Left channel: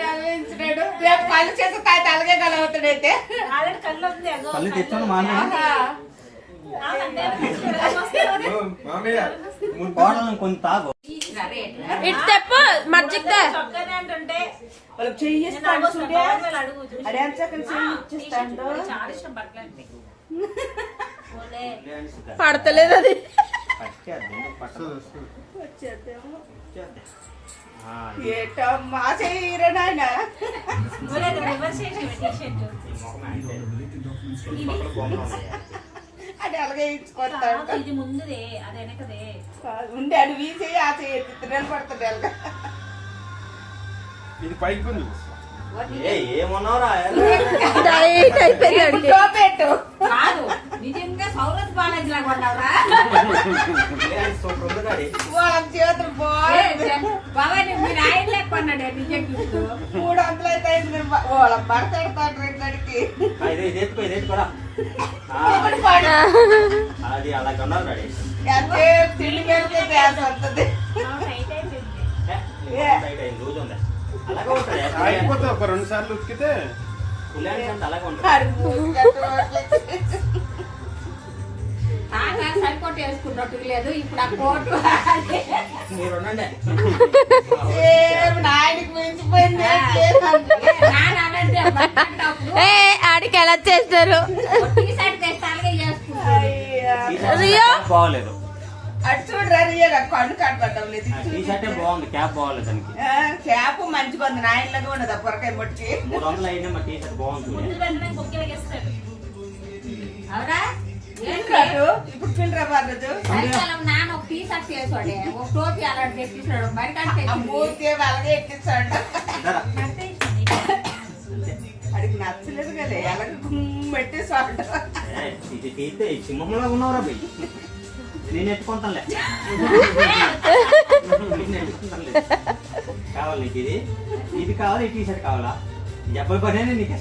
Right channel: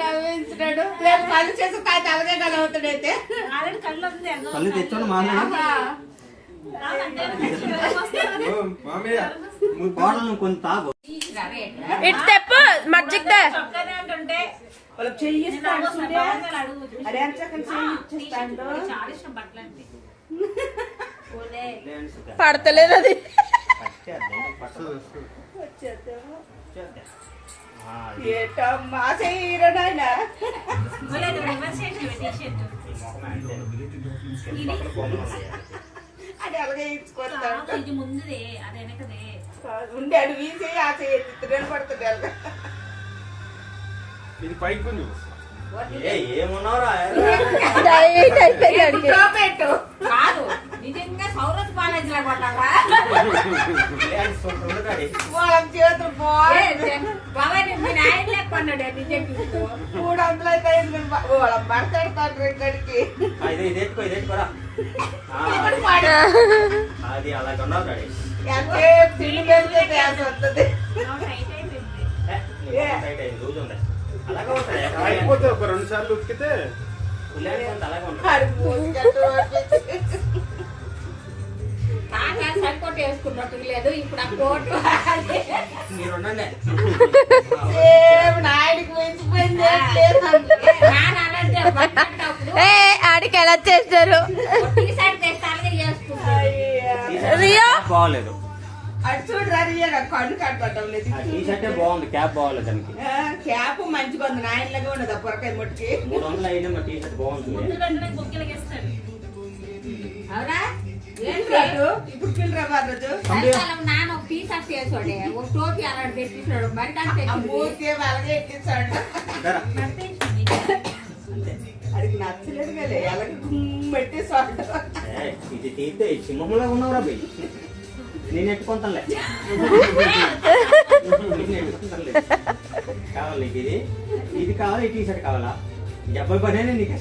నవ్వించాడు పని చేసి కాయ అలాగే కలవుతాడైతే పళ్ళు తెచ్చాను కోడలను కొంచెం తాగు ఇటు తెప్పు మర్జిక్ పడతలేదు అది ఏటమ్మా చేయరా నాయన అది అలాగే ఇచ్చుకొస్తాడు ఇది ముందుదే అది వెనకదే ఉండి అడు వీసి ఆ చేతులు పడుతుంది అలాగా ఇది పైకి ఉంది ఏమన్నావురా పెట్టు కాదు నిజంగా సౌరత్ బాలాజీ లాగా ఉన్నావా వాళ్ళ చేతులు బాగుంది బాబాయ్ మీ నాయన లేకున్నాడు నిజంగా 300 అయితే వాళ్ళ పడతాడు ఇక్కడికి ఇది ఎత్తుకోరా అది అలాగే ఉండాలి రోజు ఉంది అలాగే ఉంటుంది అయిపోతుంది ఒక 2 సార్లు ఉతికితే అలాగే ఉంటుంది సరికొట్టు వేసుకున్నట్టు లేదు ఇప్పుడు ఆ కోటు మీరు ఉండండి నాయనకి మించిపోయింది ఆడికి ఎలా చేస్తారు బాగోలేదు అటు చూడరా రియగా కన్ను కట్టబడ్డం లేదు టీ షర్టే బాగుంది క్యాప్ బాగోలేదు దానికి క్యాప్ మంచిగా ఉంది నాయనలాగా ఉండదు ఆ పొరకాయ ముట్టుకి 300 అయినా మా టీ షర్ట్ బాగుంటుంది అవునా ఇప్పుడు పిల్లరా బాగదు నాన్న ఒక టీ షర్ట్ వేసాడే ఒక టోపీ అలాంటి తెప్పించాడు బయట మూర్తి అలాగే ఎట్టిస్తాడు అడిగి నచ్చలేదు కదా ఎలాగ పెట్టేసాడు ఇది తీస్తే సింహంలో ఉన్నవరా బయ్ నేను ఎత్తుకుంటానులే కావాలి నీకు ఇది కావాలి ఈ టీ షర్ట్ కావాలా డబ్బులు పడేనే నీకు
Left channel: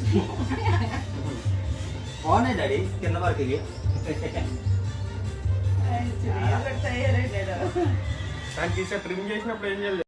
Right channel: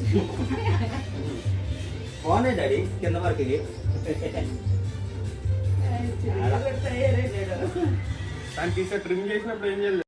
బాగున్నాయి డాడీ కింద వరకు ఇది తయారైనాడు టీ షర్ట్ ట్రిమ్ చేసినప్పుడు ఏం చేయాలి